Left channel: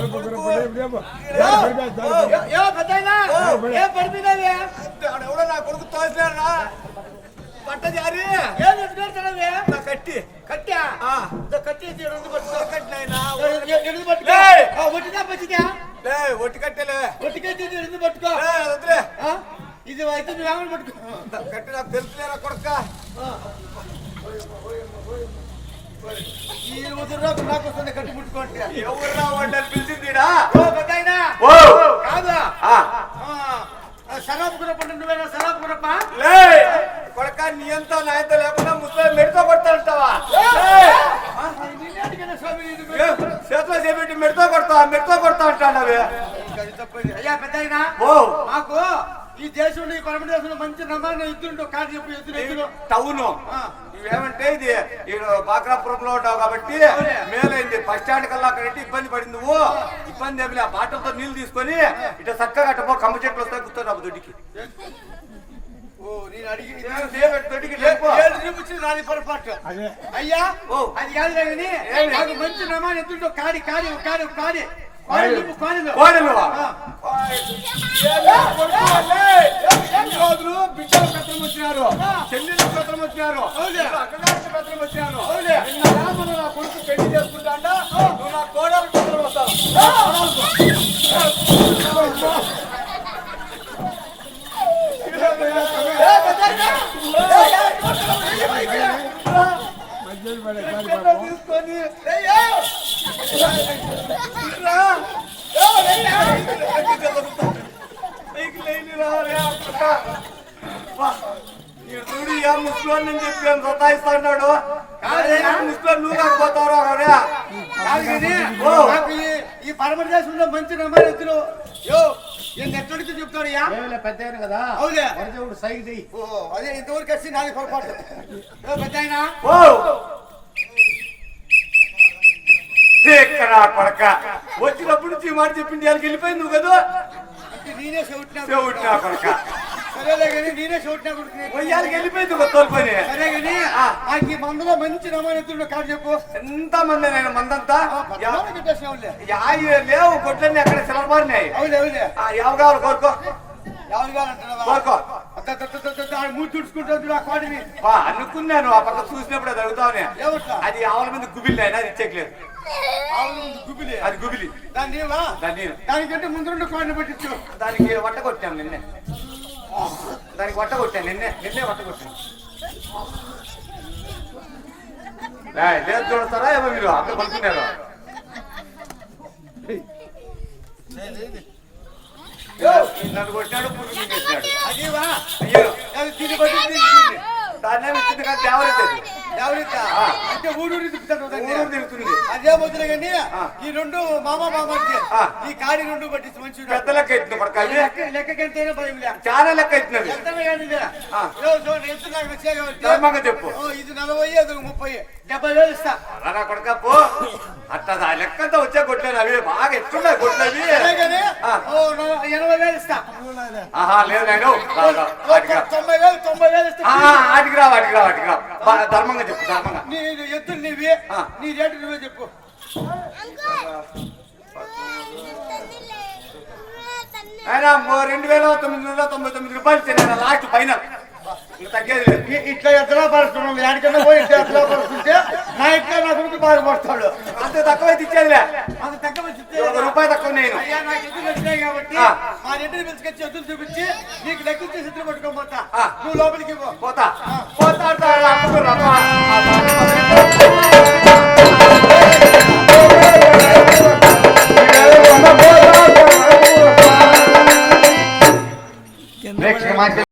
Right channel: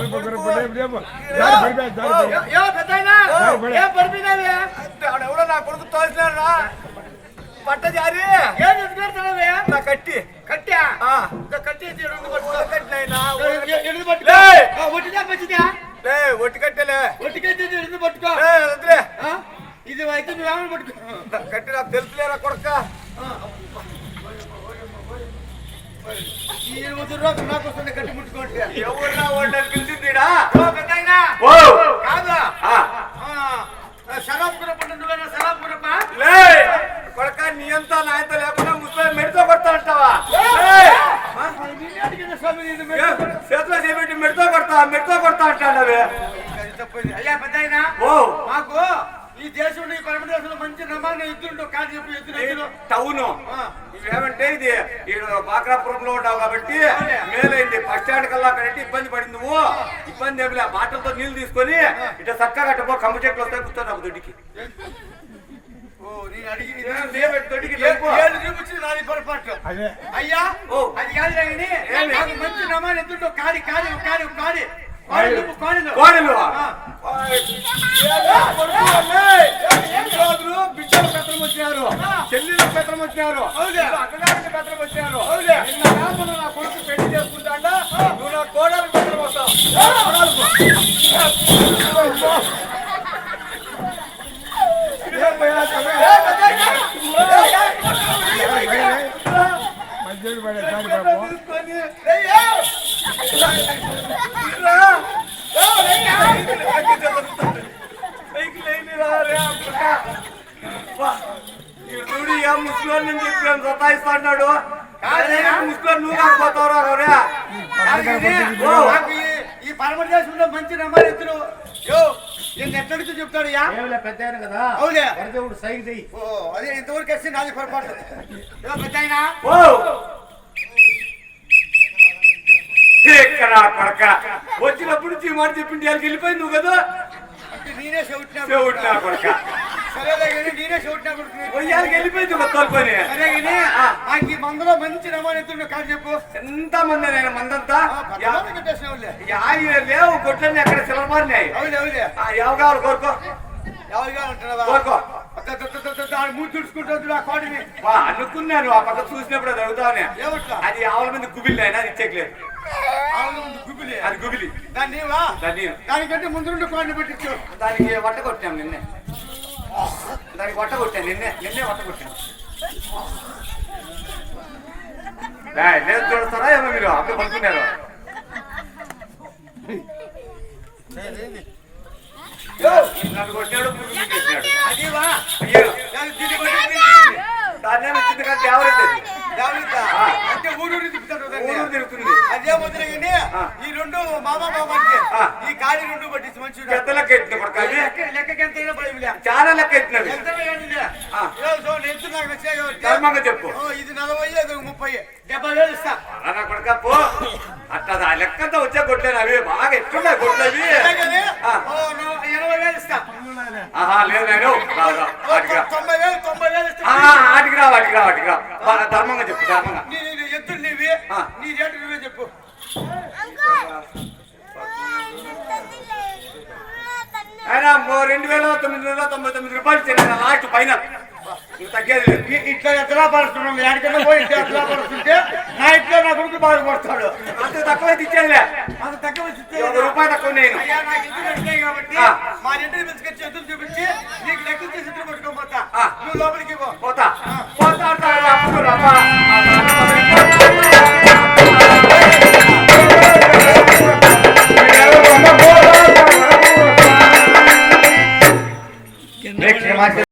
ఏ పెద్దాయనా ఏ పడిపోయినావే ఎవడో నా కొడుకు తోసినారా పట్ట జారి ఏం ఎత్తుకెళ్తానవే నా కట్టి కట్టా ఆ. ఇదో కట్టి తీయడం పట్టుకో కట్టినైనా ఎడుగు పట్టుకో లే. ఆ, ఒట్టిదా పచ్చిదా లే ఒట్టి కట్టెలే ఒట్టికైతే ఎడుగు పట్టుకో లే వదిలే ఆ? ఇది అయితే నువ్వు ఆమెను పట్టుకో కట్టి నాకు తెలుసులేరా కొడుక ఈ ఇరవై రోజులు నాకు వస్తుంది కట్టి ముట్టుకోండి. ఎవరున్నా వాళ్ళని పిలిచిందిడా ఓ పెద్దాయనా? ఓ! కాదు? శరాబ్ గురప్ప నువ్వేనా శరాబ్ గురప్ప లే! కొడక నీ అంతా నా అంత లేకుండా ముసలి మెడితో కొడతా. చేతిలో చేపెట్టి మెడితో కొడతా మెడితో కొడతా అంటాడవే. అది తప్పైంది. అయ్యా పెద్దాయనా? ఓ! మాకు ఈ దేశంలో ఈ పరమ దేశంలో మంచి కాదు చెప్పు ఎద్దులు ఎద్దులు? టౌన్. ఇవేమంటే ఇది ఈడు బాక్రాపురంలో ఉంటావు కాబట్టి. మేలైంది. బస్ స్టాండ్ కల్లా అక్కడంటే ఇబ్బంది పడింది నువ్వు. ఇబ్బంది ఏమి లే బాటలతో నీళ్ళు తీసుకొని ఇట్లా చక్కగా అట్టపో కమ్మ చెట్లు వస్తాయి కూర్చోరాబు దొడ్డికి. అయ్యా ఓ. అది కాదు మంచి నమ్మాలి ఎద్దుంటూ కాడి కాడి కాడి కాడి కోడలువా? ఎన్ని రోజులు బిడ్డల పెత్తనం వచ్చినారు చెల్లెల పెత్తనం వచ్చినారు. అక్కడానికి పెత్తనం వచ్చినారు. నిన్న నా కొడుకు పెళ్ళి చేసుకుంటా నువ్వు నా కోడలకు పెత్తనం వస్తావు తీసుకొని చూడు ఏ నుంచి సతాయిస్తున్నాడు నువ్వు కాకపోతావురా ఈ- ఈ పరమ దేశంలో మంచి నెంబర్ ఎత్తులు యో నేను ఎక్కడికి చెప్తాడయ్యా పెద్ద కదా అవులే సైకి చెయ్యి ఓ అదే ఇంతవరకు వచ్చి నాది పొరపాటు. పెద్ద ఎక్కడా కొడక వచ్చినప్పుడు నుంచి మాట చెప్పింది వాళ్ళకి వెళ్ళిపోయింది నువ్వు కదా? అంటే నేనే చెవిటినా చెవిటినా వెళ్ళిపోయింది తోలుకొని. నాకు ఈ మందులో మంచి కాదు చెప్పు. ఎంత మంది నేను మందంతా? లేవు గొడ్లన్నీ అక్కడ సిలబారినాయి అవులే అవులే. ఎవరు కావాలి కోరుకో. ఎవరు కావాలంటున్నావా అనుకున్నాను ఆ పక్క చూసినప్పుడు అది అడుగుతావని ఏమట్లా? అది ఆవుల మీద గుబిలి అయినా అది ముందు గుబిలి. అది గుబిలి. దాన్ని ఏమా దాన్ని నేను. దానికంటే ముందు రెండు కోడిని పెట్టించు దానికి వట్ట కొట్టాం నిన్నే. దానికి వట్ట కొట్టాను నిన్నే. నిన్నే వట్ట కొట్టాను లేదు తిరుగుతారా ఏమో మీరు అప్పుడు కొనుక్కున్నారు నన్ను కొట్టినాడు పురుగు. అదేవా అయ్యో దీన్ని కొట్టి. దాన్ని ఇచ్చింది? అంటే ఊరూరు తిప్పుతాడు. ఊరు తిరుగుతుంది అదే వదిలే కానీ. ఈ రెండు మామ మామ అంటే. ఈ కాడి రెండు పట్టించి మంచి పెద్ద లెక్క ఎత్తిన పడక లెక్కకి ఎంతైనా భయం లే చాలా లెక్క ఎత్తినవి ఎంతనే కానీ ఇదే. ఆ. ఏ చూడు, ఎంత నాకు నచ్చాయి కాబట్టి. ధర్మంగా చెప్పు ఇది నలభై ముప్పై డెబ్బై వేలు ఇస్తా అలా కొడక పో అట్లా ఆ లెక్కంతా వచ్చే కొట్లేను అవి బాగా ఎట్లున్నాయి కొట్లు అవి అదే కానీ, ఆ. ఓ, నో- ఎనభై వేలు ఇస్తా ఆహా లేదు. తొంభై వేలు తొంభై వేలు ఇస్తా వాటికి రా వాటికి రా వాటికి రా బాగా ధర్మంగా చెప్పు ధర్మంగా నీ నీ ఎత్తులు నీవి ఆ. నీ రేటు నువ్వే చెప్పు అయినా ఓ రెండు వేల తొమ్మిది వందల తొంభై తొమ్మిది రూపాయలు చెల్లిన లాస్ట్ ఫైనల్ తగ్గేది ఇట్లా ఎత్తలా పరుస్తున్నాం ఎక్కడికైనా పోయి ఇట్లా ఎత్తలా పరుస్తుంటే నా ఇంట్లో నా కొడుకు బాగుపడతాడు అంత తక్కువైతే ఇచ్చేదిలే. అంత తక్కువ ఇస్తే ఒక రూపాయి తక్కువ నేను అయ్యా నాకు ఎదురు వచ్చినాయి కాబట్టి. మా రెడ్డిని పిలుచుకొచ్చి ఎదురు చూపించి నీకు లెక్కించి సిద్ధం పట్టుకోని పోతా. నువ్వు లోపలికి పోతా. పోతా